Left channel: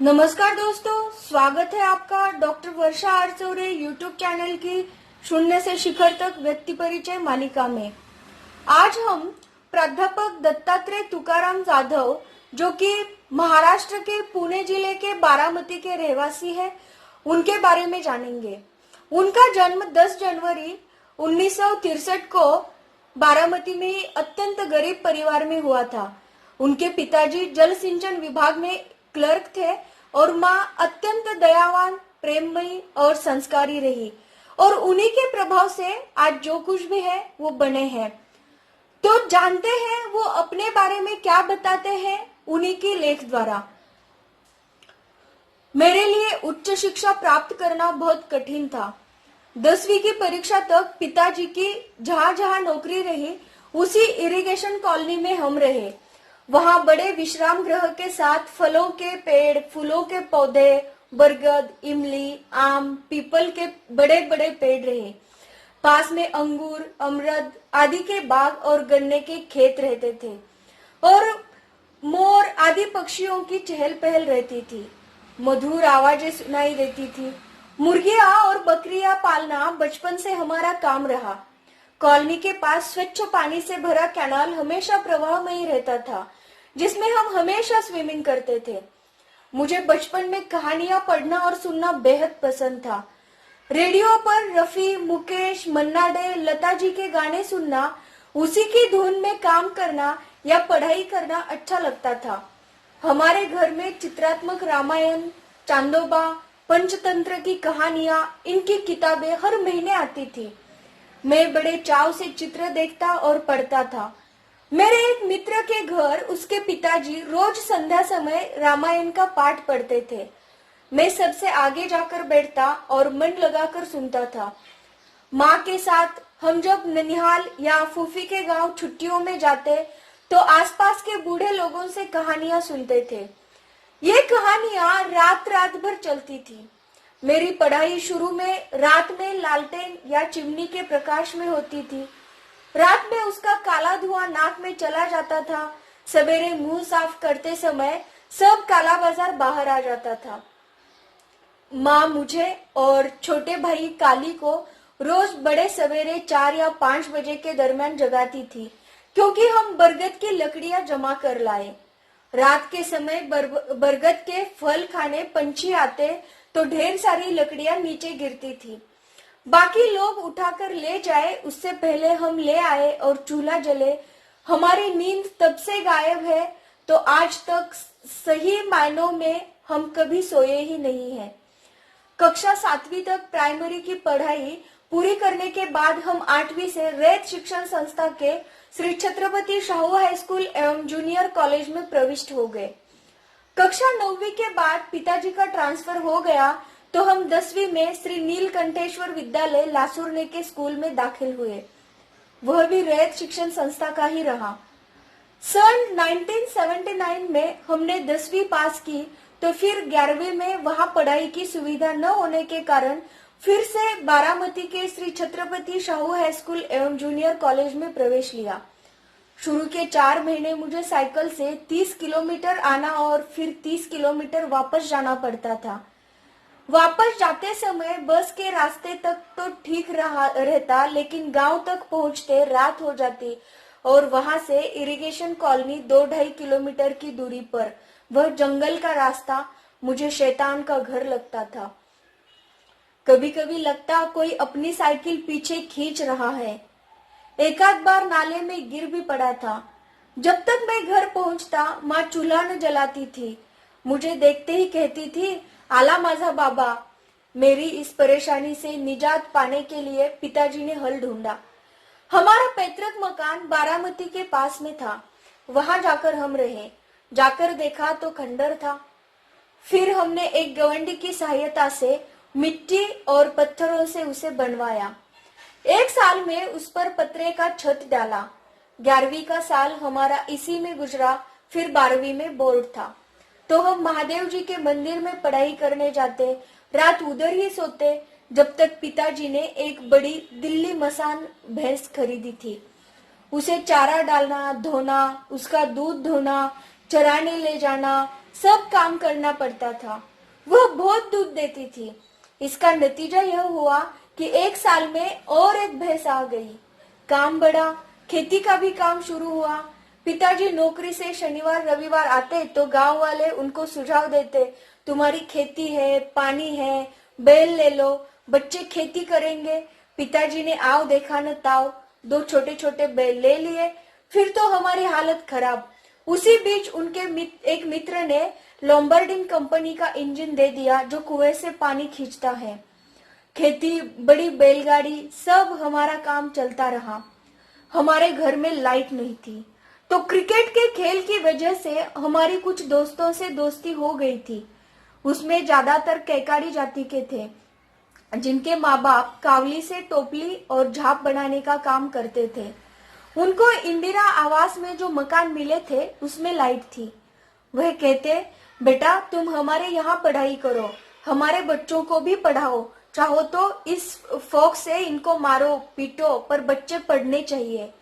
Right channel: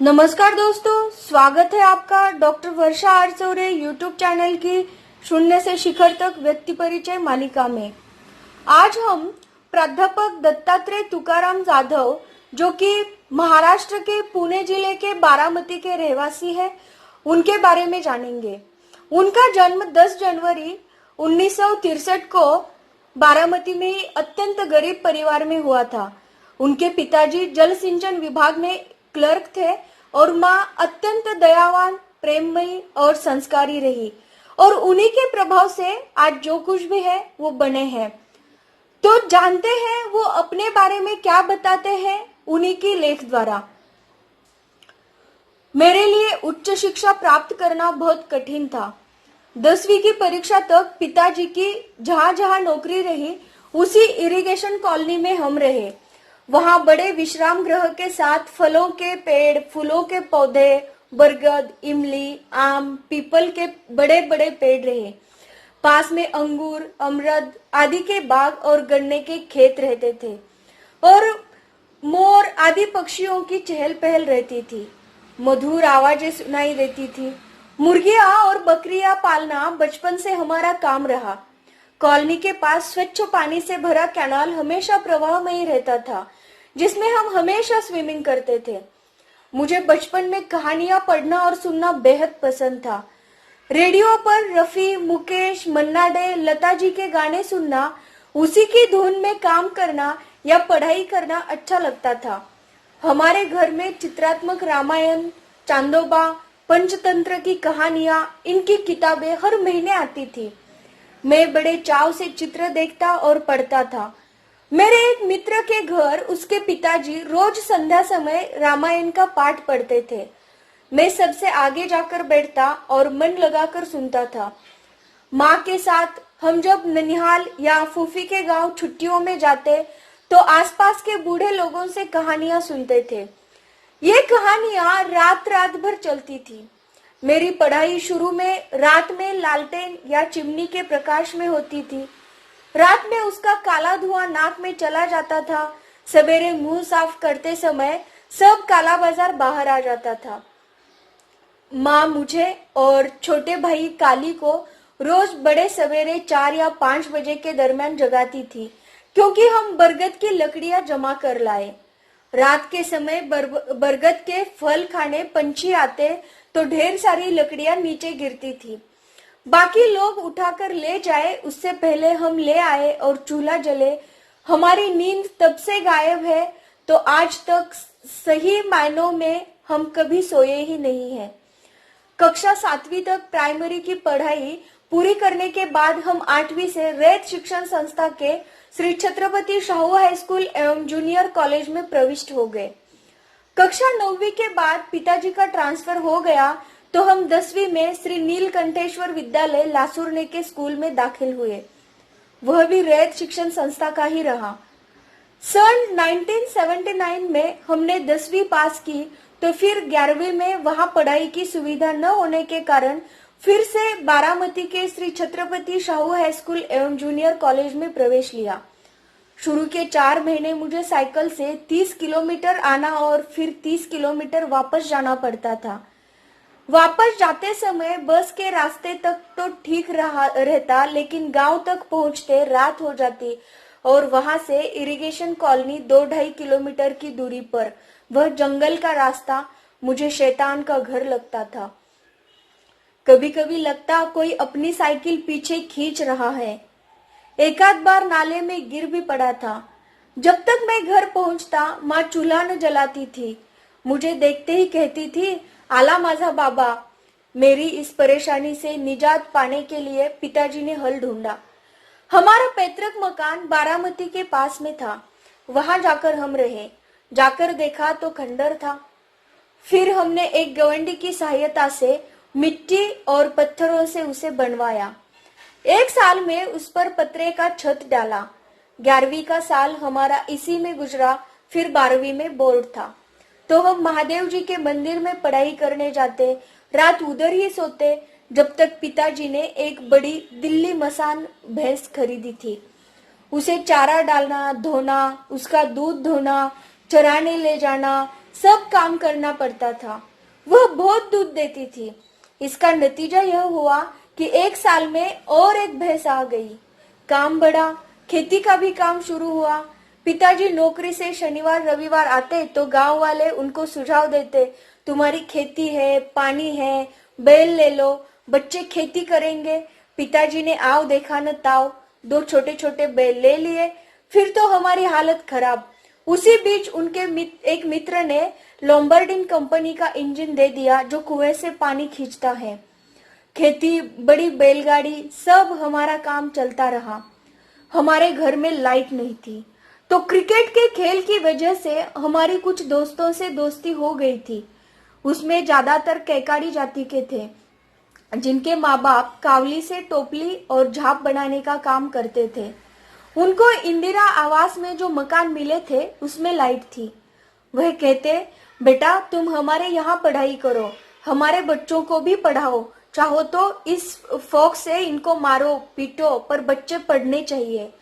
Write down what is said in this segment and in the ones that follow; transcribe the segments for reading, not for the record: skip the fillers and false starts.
नमस्कार दोस्तों, स्वागत है आपका डॉक्टर वर्षा आरसोरे यूट्यूब चैनल की शून्य से शिखर तक व्यक्ति परिचय मालिका में। आज हम प्राध्यापक दत्तात्रेय तुकाराम जाधव, जो कि महाराष्ट्र के पुणे जिले के बारामती के रहवासी हैं, उनके बारे में जानेंगे। उनका जन्म 10 जनवरी 1963 को बारामती में ही अत्यंत गरीब परिवार में हुआ था। उनके पिताजी जल सिंचन विभाग में क्लर्क थे और माँ अत्यंत दयावान, प्रेममयी और संस्कारी रही और उन्हीं के प्रभाव से आज जो कुछ भी है वो बने हैं। तो जानते हैं वो अपने बारे में क्या बताते हैं उन्हीं की लेख द्वारा। मेरे लिए उच्च शिक्षा प्राप्त करना बहुत कठिन था। 10वीं की परीक्षा तक पिताजी की जहां जहां नौकरी रही उसी इरिगेशन कॉलोनी में हम रहे। वहां बड़े विश्राम गृह के साथ फलों के पेड़, फूलों के पौधे, बरगद, इमली, आम, पीपल के बड़े बड़े पेड़ रहे। पास में अंगूर, अमरद आदि के बाग और गन्ने के खेत रहते थे और मोर आदि पक्षियों की चहल पहल रहती थी। मधुर आवाजें सुनाई देती थी। मुर्गियां और बकरियां पालना बचपन से हमारा काम रहा। कॉलोनी के पास स्वच्छ पानी से भरा कैनाल हमेशा प्रवाह में ही रहता था, जिसमें हम हमेशा स्विमिंग करते थे। मुझे बचपन में कहानियां पढ़ना और सुनना बेहद पसंद था। रेडियो पर रफी, मुकेश, मन्ना डे, लता जी के गाने सुनना, उसी की धुन में काम करना या पढ़ाई करना अच्छा लगता था। हमारे घर में चित्रात्मक रामायण, चांदोबा, पंचतंत्र की कहानियां, इनकी किताबें हर महीने आती थी। मैं बड़े चाव से चित्र देखता और पढ़ता था। मेरे एक मित्र के घर उसके पिताजी रोज संध्या समय रामायण का पाठ पढ़ते थे। मैं सबसे आगे जाकर बैठता और मन लगाकर सुनता था। माँ के साथ हम जब ननिहाल या फूफी के गांव छुट्टियों में जाते तो आसपास के बूढ़े लोगों से कहानियां सुनते थे। ये कहानियां रात रात भर चलती थी। मेरी पढ़ाई शुरू में रात में लालटेन या चिमनी के प्रकाश में होती थी। रात में उसका काला धुआं नाक में चला जाता था। सवेरे मुंह साफ करते समय सब काला बाजार बाहर आ जाता था। माँ मुझे और छोटे भाई काली को रोज बड़े सवेरे 4 या 5 बजे के दरमियान जगाती थी, क्योंकि हम बरगद की लकड़ियां जमा कर लाए। रात के समय बरगद के फल खाने पंछी आते तो ढेर सारी लकड़ियां नीचे गिरती थी। बाकी लोग उठाकर ले जाए उससे पहले हम ले आए और चूल्हा जले। हमारी नींद तब से गायब है तो आज तक सही मायनों में हम कभी सोए ही नहीं हैं। कक्षा 7वीं तक प्राइमरी की पढ़ाई पूरी करने के बाद हम 8वीं से रैत शिक्षण संस्था के श्री छत्रपति शाहू हाई स्कूल एवं जूनियर कॉलेज में प्रविष्ट हो गए। कक्षा 9वीं के बाद पिताजी का ट्रांसफर हो गया तो हम 10वीं में श्री नीलकंठेश्वर विद्यालय लासुरने के स्कूल में दाखिल हुए। वह भी रैत शिक्षण संस्था का ही रहा। सन 1979 में हमने 10वीं पास की तो फिर 11वीं में वहां पढ़ाई की सुविधा न होने के कारण फिर से बारामती के श्री छत्रपति शाहू हाई स्कूल एवं जूनियर कॉलेज में प्रवेश लिया। शुरू के 4 महीने मुझे साइकिल से 30 किलोमीटर आना और फिर 30 किलोमीटर वापस जाना पड़ता था। वापस जाते समय बस के रास्ते तक तो ठीक रहता, लेकिन गांव तक पहुंचते रात हो जाती और वहां से इरिगेशन कॉलोनी 2-2.5 किलोमीटर की दूरी पर वह जंगल का रास्ता मुझे शैतान का घर लगता था। कभी कभी लगता कोई अपनी साइकिल पीछे खींच रहा है। एक आध बार नाले में गिर भी पड़ा था। जब तक मैं घर पहुंचता माँ चूल्हा न जलाती थी। मुझे देखते ही कहती थी, आला माझा बाबा। मेरी इस परेशानी से निजात पाने के लिए पिताजी ने हल ढूंढा। हमारा पैतृक मकान बारामती के पास में था। वहां जाकर हम रहे। जाकर देखा तो खंडर था। फिर हमने एक गवंडी की सहायता से मिट्टी और पत्थरों से उसे बनवाया। 1 साल में उस पर पतरे का छत डाला। 11वीं का साल हमारा इसी में गुजरा। फिर 12वीं में बोर्ड था तो हम महादेव जी के मंदिर में पढ़ाई करने जाते। रात उधर ही सोते जब तक पिताजी ने एक बड़ी दिल्ली मसान भैंस खरीदी थी। उसे चारा डालना, धोना, उसका दूध धोना, चराने ले जाना, सब काम करना पड़ता था। वह बहुत दूध देती थी। इसका नतीजा यह हुआ कि एक साल में और एक भैंस आ गई। काम बढ़ा, खेती का भी काम शुरू हुआ। पिताजी नौकरी से शनिवार रविवार आते तो गांव वाले उनको सुझाव देते, तुम्हारी खेती है, पानी है, बैल ले लो, बच्चे खेती करेंगे। पिताजी ने आओ देखा न ताव, दो छोटे छोटे बैल ले लिए। फिर तो हमारी हालत खराब। उसी बीच उनके एक मित्र ने लोम्बार्डिंग कंपनी का इंजन दे दिया जो कुएं से पानी खींचता है। खेती, बड़ी बैलगाड़ी, सब हमारा काम चलता रहा। हमारे घर में लाइट नहीं थी तो क्रिकेट के खेल की वजह से हमारी कुछ दोस्तों से दोस्ती हो गई थी। उसमें ज्यादातर कैकाड़ी जाति के थे जिनके माँ बाप कावली से टोपली और झाप बनाने का काम करते थे। उनको इंदिरा आवास में जो मकान मिले थे उसमें लाइट थी। वह कहते, बेटा तुम हमारे यहाँ पढ़ाई करो, हमारे बच्चों को भी पढ़ाओ, चाहो तो इस फोक से इनको मारो पीटो, पर बच्चे पढ़ने चाहिए।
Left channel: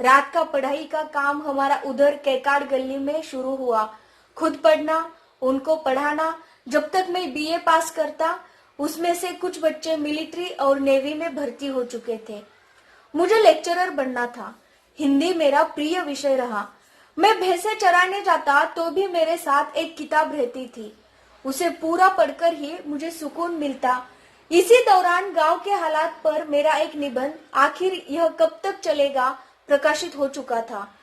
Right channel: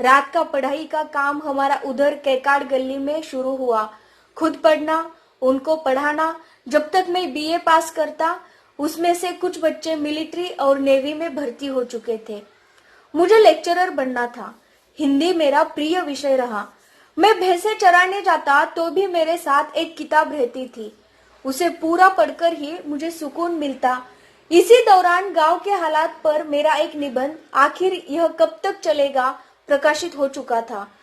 रात का पढ़ाई का काम हमारा उधर कैकाड़ गली में शुरू हुआ। खुद पढ़ना, उनको पढ़ाना। जब तक मैं बीए पास करता उसमें से कुछ बच्चे मिलिट्री और नेवी में भर्ती हो चुके थे। मुझे लेक्चरर बनना था। हिंदी मेरा प्रिय विषय रहा। मैं भैंसे चराने जाता तो भी मेरे साथ एक किताब रहती थी। उसे पूरा पढ़कर ही मुझे सुकून मिलता। इसी दौरान गांव के हालात पर मेरा एक निबंध, आखिर यह कब तक चलेगा, प्रकाशित हो चुका था।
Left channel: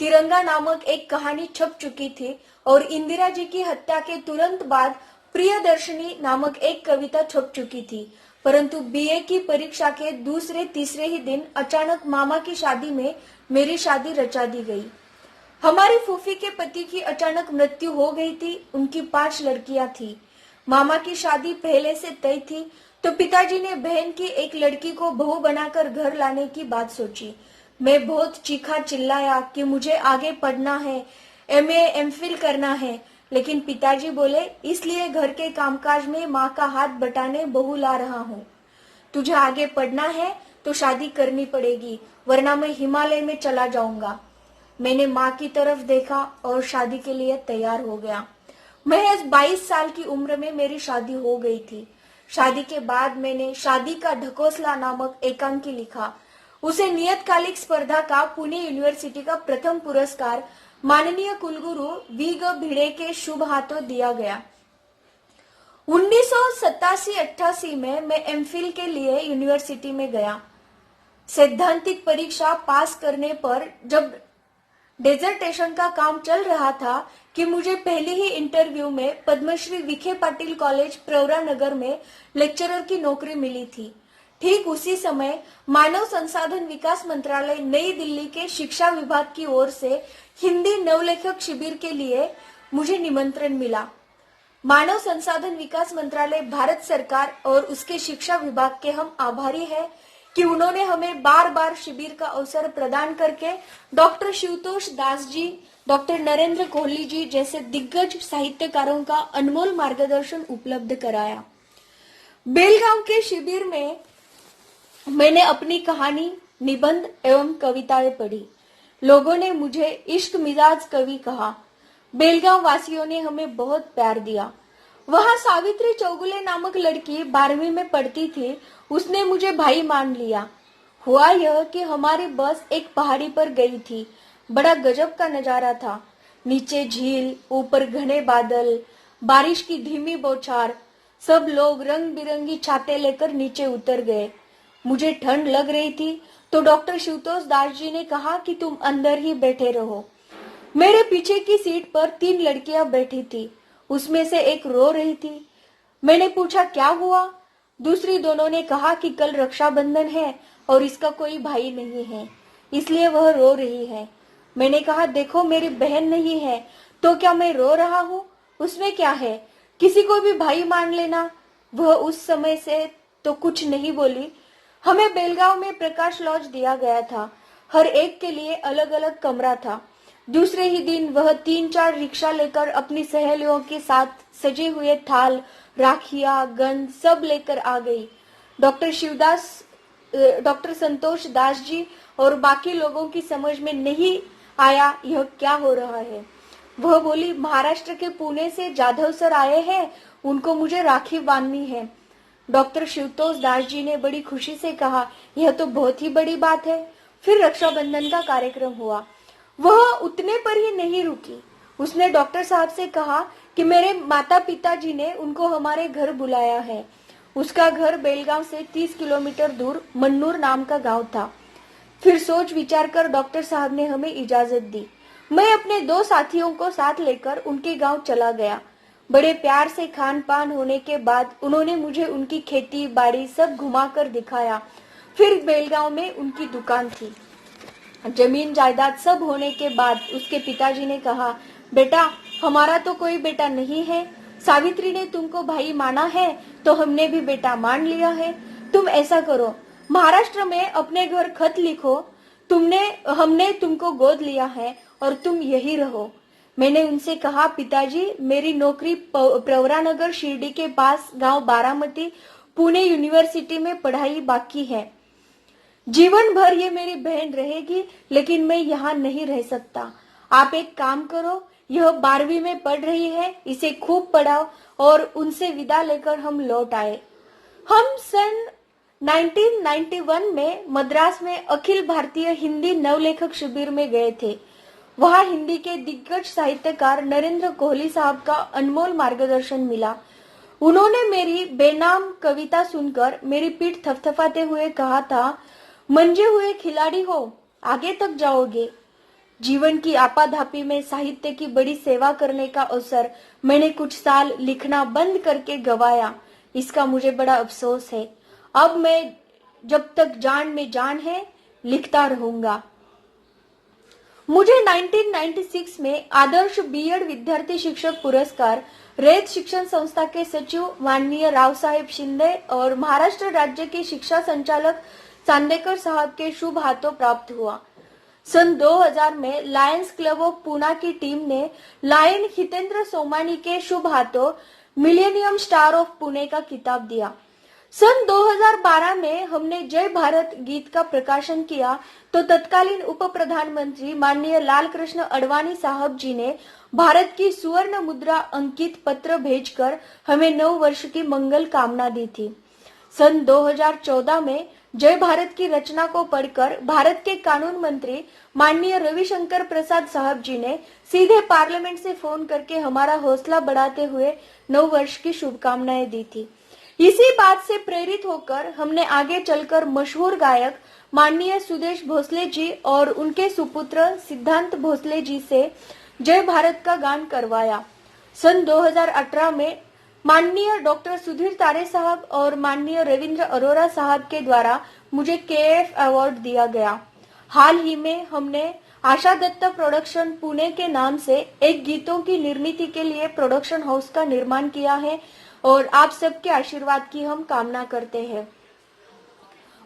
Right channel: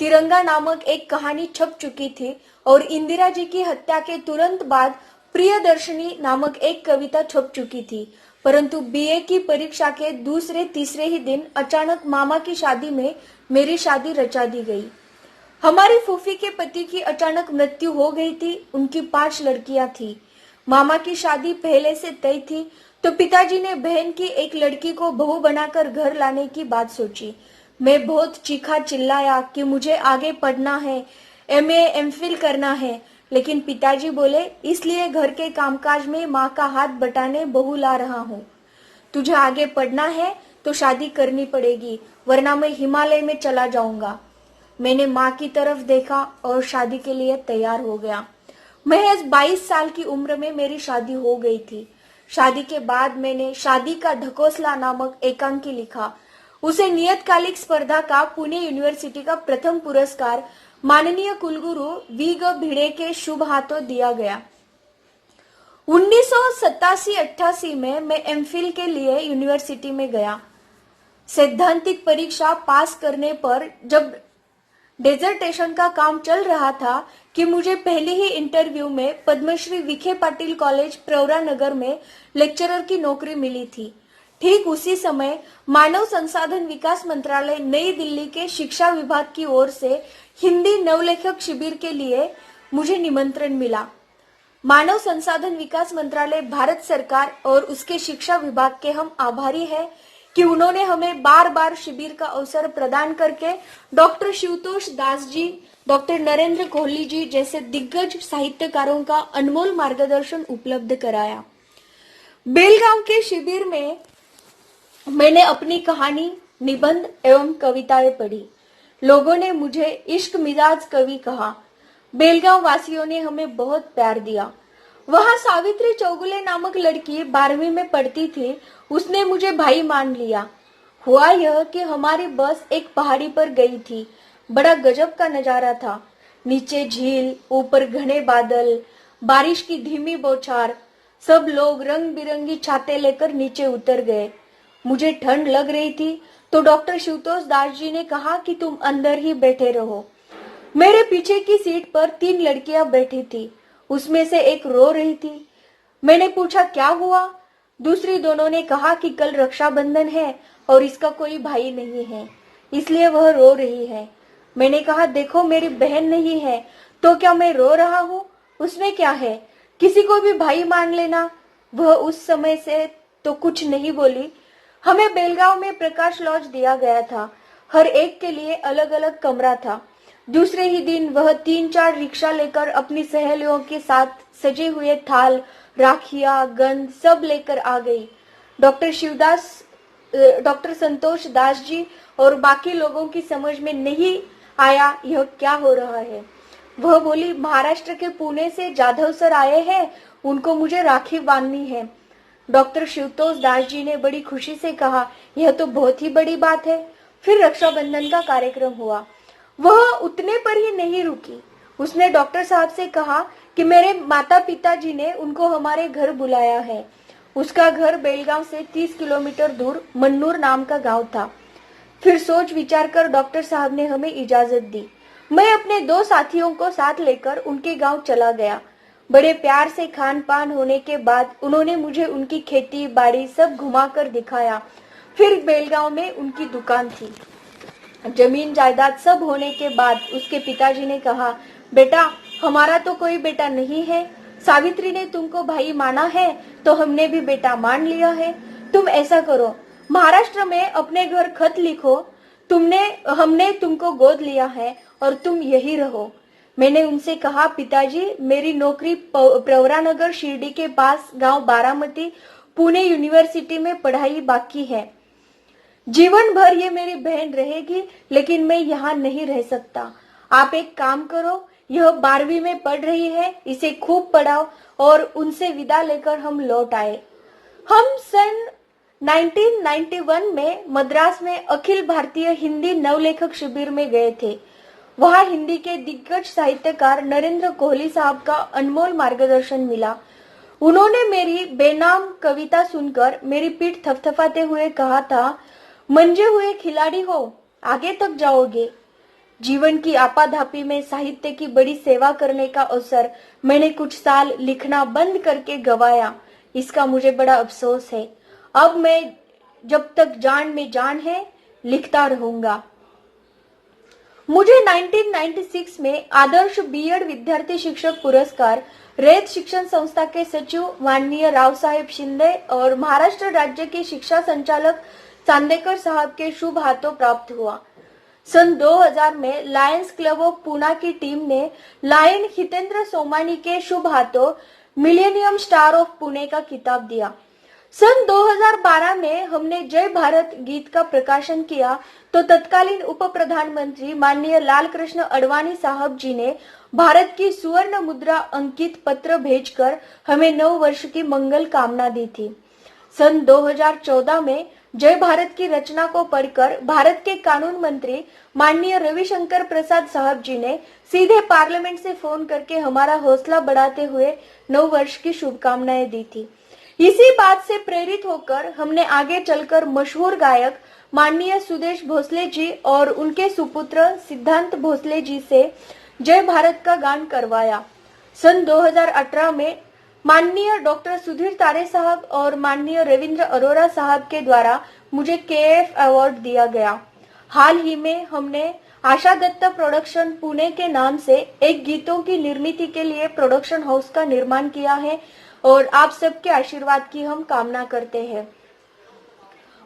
तिरंगा नामक एक कहानी छप चुकी थी और इंदिरा जी की हत्या के तुरंत बाद प्रियदर्शनी नामक एक कविता छप चुकी थी। परंतु बीए की परीक्षा के दूसरे तीसरे ही दिन अचानक मामा की शादी में मेरी शादी रचा दी गई। हमारी फूफी के पति की अचानक मृत्यु हो गई थी। उनकी 5 लड़कियां थी। मामा की शादी पहले से तय थी तो पिताजी ने बहन की एक लड़की को बहू बनाकर घर लाने की बात सोची। मैं बहुत चीखा चिल्लाया कि मुझे आगे पढ़ना है, एमए एमफिल करना है, लेकिन पिताजी बोले, इसलिए घर के कामकाज में माँ का हाथ बटाने बहू ला रहा हूँ। तुझे आगे पढ़ना है तो शादी करनी पड़ेगी, वरना मैं हिमालय में चला जाऊंगा। मैंने माँ की तरफ देखा और शादी के लिए तैयार हो गया। महज 22 साल की उम्र में मेरी शादी हो गई थी। शादी के बाद मैंने शादी का ढकोसला नामक एकांकी लिखा। उसे नियतकालिक स्पर्धा का पुणे यूनिवर्सिटी का प्रथम पुरस्कार माननीय कुलगुरु वी ग भिड़े के शुभ हाथों दिया गया। 1987-88 में मैं एमफिल के लिए यूनिवर्सिटी में गया। सैद्धांतिक परीक्षा पास करने पर जब डेजर्टेशन का काम चल रहा था कि मुझे पहले ही इंटरव्यू में पद्मश्री विखे पाटिल कॉलेज प्रवरा नगर में लेक्चरर की नौकरी मिली थी। ठीक उसी समय मानव संसाधन विकास मंत्रालय नई दिल्ली के शिक्षा विभाग की ओर से हिंदी नवलेखक शिविर के लिए मुझे निमंत्रण मिला। मानव संसाधन विकास मंत्रालय भारत सरकार और उसके शिक्षा विभाग के हम आभारी हैं कि उन्होंने हमें बार बार शिविर का अवसर प्रदान करके डॉक्टर शिवतोष दास जी, डॉक्टर नरेंद्र कोहली जी जैसे दिग्गज साहित्यकारों का अनमोल मार्गदर्शन उपलब्ध कराया। बेलगांव के शिविर में मैंने अपनी कहानी, निबंध एवं कविताएं पढ़ी। लोगों ने मुझे इश्क मिजाज कवि कहा। बेलगांव वासियों ने हमें बहुत प्यार दिया। वहां सावित्री चौगुले नामक लड़की 12वीं में पढ़ती थी। उसने मुझे भाई मान लिया। हुआ यह कि हमारी बस एक पहाड़ी पर गई थी। बड़ा गजब का नजारा था। नीचे झील, ऊपर घने बादल, बारिश की धीमी बौछार। सब लोग रंग बिरंगी छाते लेकर नीचे उतर गए। मुझे ठंड लग रही थी तो डॉक्टर शिवतोष दास जी ने कहा कि तुम अंदर ही बैठे रहो। मेरे पीछे की सीट पर 3 लड़कियां बैठी थी। उसमें से एक रो रही थी। मैंने पूछा क्या हुआ? दूसरी दोनों ने कहा कि कल रक्षाबंधन है और इसका कोई भाई नहीं है, इसलिए वह रो रही है। मैंने कहा देखो मेरी बहन नहीं है तो क्या मैं रो रहा हूँ? उसमें क्या है, किसी को भी भाई मान लेना। वह उस समय से तो कुछ नहीं बोली। हमें बेलगांव में प्रकाश लॉज दिया गया था। हर एक के लिए अलग अलग कमरा था। दूसरे ही दिन वह 3-4 रिक्शा लेकर अपनी सहेलियों के साथ सजे हुए थाल, राखियां, गन सब लेकर आ गई। डॉक्टर संतोष दास जी और बाकी लोगों की समझ में नहीं आया यह क्या हो रहा है। वह बोली, महाराष्ट्र के पुणे से जाधव सर आए हैं, उनको मुझे राखी बांधनी है। डॉक्टर शिवतोष दास जी ने बड़ी खुशी से कहा, यह तो बहुत ही बड़ी बात है। फिर रक्षाबंधन का कार्यक्रम हुआ। वह उतने पर ही नहीं रुकी। उसने डॉक्टर साहब से कहा कि मेरे माता पिताजी ने उनको हमारे घर बुलाया है। उसका घर बेलगांव से 30 किलोमीटर दूर मन्नूर नाम का गांव था। फिर सोच विचार कर डॉक्टर साहब ने हमें इजाजत दी। मैं अपने 2 साथियों को साथ लेकर उनके गांव चला गया। बड़े प्यार से खान पान होने के बाद उन्होंने मुझे उनकी खेती बाड़ी सब घुमाकर दिखाया। फिर बेलगांव में उनकी दुकान थी। जमीन जायदाद सब होने के बाद उसके पिताजी ने कहा, बेटा हमारा तो कोई बेटा नहीं है, सावित्री ने तुमको भाई माना है तो हमने भी बेटा मान लिया है। तुम ऐसा करो, महाराष्ट्र में अपने घर खत लिखो, हमने तुमको गोद लिया है और तुम यही रहो। मैंने उनसे कहा, पिताजी मेरी नौकरी प्रवरानगर शिरडी के पास गांव बारामती पुणे यूनिवर्सिटी में पढ़ाई बाकी है। जीवन भर ये मेरी बहन रहेगी, लेकिन मैं यहाँ नहीं रह सकता। आप एक काम करो, यह 12वीं में पढ़ रही है, इसे खूब पढ़ाओ। और उनसे विदा लेकर हम लौट आए। हम सन 1991 में मद्रास में अखिल भारतीय हिंदी नवलेखक शिविर में गए थे। वहां हिंदी के दिग्गज साहित्यकार नरेंद्र कोहली साहब का अनमोल मार्गदर्शन मिला। उन्होंने मेरी बेनाम कविता सुनकर मेरी पीठ थपथपाते हुए कहा था, मंजे हुए खिलाड़ी हो, आगे तक जाओगे। जीवन की आपाधापी में साहित्य की बड़ी सेवा करने का अवसर मैंने कुछ साल लिखना बंद करके गवाया। इसका मुझे बड़ा अफसोस है। अब मैं जब तक जान में जान है लिखता रहूंगा। मुझे 1996 में आदर्श बीएड विद्यार्थी शिक्षक पुरस्कार रयत शिक्षण संस्था के सचिव माननीय राव साहेब शिंदे और महाराष्ट्र राज्य के शिक्षा संचालक चांदेकर साहब के शुभ हाथों प्राप्त हुआ। सन 2000 में लायंस क्लब ऑफ पुणे की टीम ने लायन हितेंद्र सोमानी के शुभ हाथों मिलेनियम स्टार ऑफ पुणे का खिताब दिया। सन 2012 में हमने जय भारत गीत का प्रकाशन किया तो तत्कालीन उप प्रधानमंत्री माननीय लाल कृष्ण अडवाणी साहब जी ने भारत की सुवर्ण मुद्रा अंकित पत्र भेजकर हमें 9 वर्ष की मंगल कामना दी थी। सन 2014 में जय भारत की रचना को पढ़कर भारत के कानून मंत्री माननीय रविशंकर प्रसाद साहब जी ने सीधे पार्लियामेंट से फोन करके हमारा हौसला बढ़ाते हुए 9 वर्ष की शुभकामनाएं दी थी। इसी बात से प्रेरित होकर हमने आगे चलकर मशहूर गायक माननीय सुदेश भोसले जी और उनके सुपुत्र सिद्धांत भोसले जी से जय भारत का गान करवाया। सन 2018 में माननीय डॉक्टर सुधीर तारे साहब और माननीय रविंद्र अरोरा साहब के द्वारा मुझे केएफ अवार्ड दिया गया। हाल ही में हमने आशा दत्त प्रोडक्शन पुणे के नाम से एक गीतों की निर्मिती के लिए प्रोडक्शन हाउस का निर्माण किया है और आप सबके आशीर्वाद की हम कामना करते हैं।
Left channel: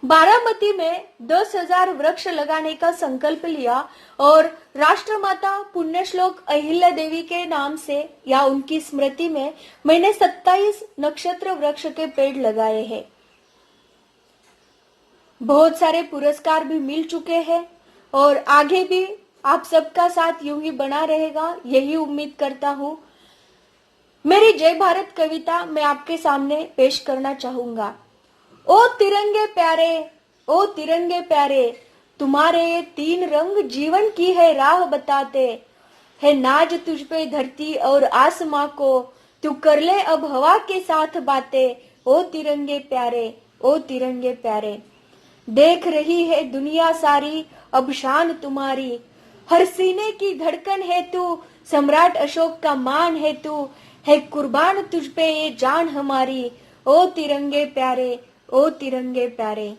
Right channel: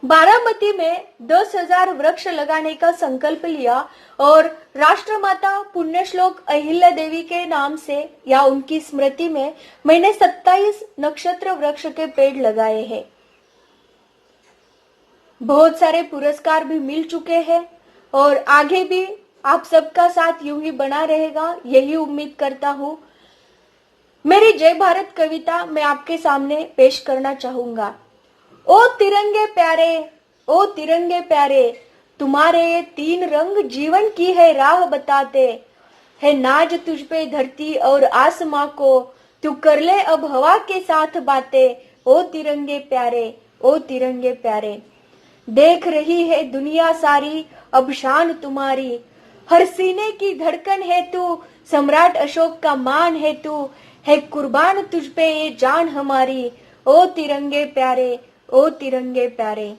बारामती में 10,000 वृक्ष लगाने का संकल्प लिया और राष्ट्रमाता पुण्यश्लोक अहिल्या देवी के नाम से या उनकी स्मृति में मैंने 27 नक्षत्र वृक्ष के पेड़ लगाए हैं। बहुत सारे पुरस्कार भी मिल चुके हैं और आगे भी आप सबका साथ यूं ही बना रहेगा, यही उम्मीद करता हूँ। मेरी जय भारत कविता मैं आपके सामने पेश करना चाहूंगा। ओ तिरंगे प्यारे, ओ तिरंगे प्यारे, तुम्हारे ये 3 रंग जीवन की है राह बताते है। नाज तुझ पे धरती और आसमां को, तू कर ले अब हवा के साथ बातें। ओ तिरंगे प्यारे, ओ तिरंगे प्यारे, देख रही है दुनिया सारी अब शान तुम्हारी। हर सीने की धड़कन है तू, सम्राट अशोक का मान है तू, है कुर्बान तुझ पे ये जान हमारी। ओ तिरंगे प्यारे, ओ तिरंगे प्यारे,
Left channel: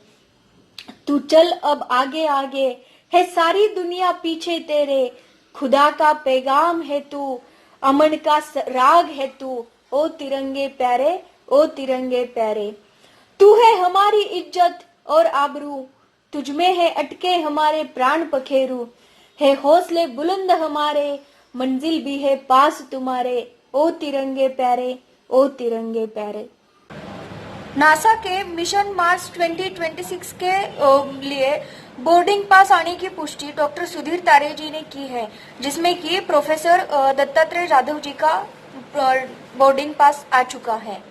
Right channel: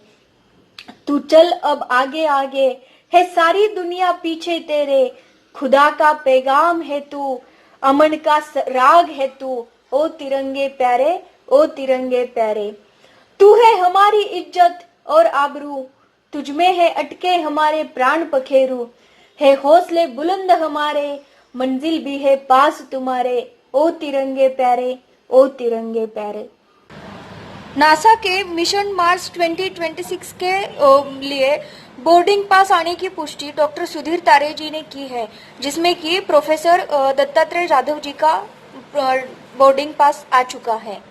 तू चल अब आगे आगे, है सारी दुनिया पीछे तेरे। खुदा का पैगाम है तू, अमन का राग है तू। ओ तिरंगे प्यारे, ओ तिरंगे प्यारे, तू है हमारी इज्जत और आबरू, तुझ में है अटके हमारे प्राण पखेरु। है हौसले बुलंद हमारे, मंजिल भी है पास तुम्हारे। ओ तिरंगे प्यारे, ओ तिरंगे प्यारे। नासा के मिशन मार्स 2026 के लिए बोर्डिंग पास आने की पुष्टि डॉक्टर सुधीर तारे जी ने की है, जिसमें कि प्रोफेसर दत्तात्रेय जाधव जी का बोर्डिंग पास आ चुका है।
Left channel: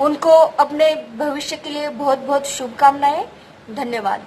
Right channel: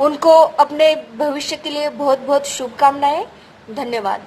उनको अपने भविष्य के लिए बहुत बहुत शुभकामनाएं। धन्यवाद।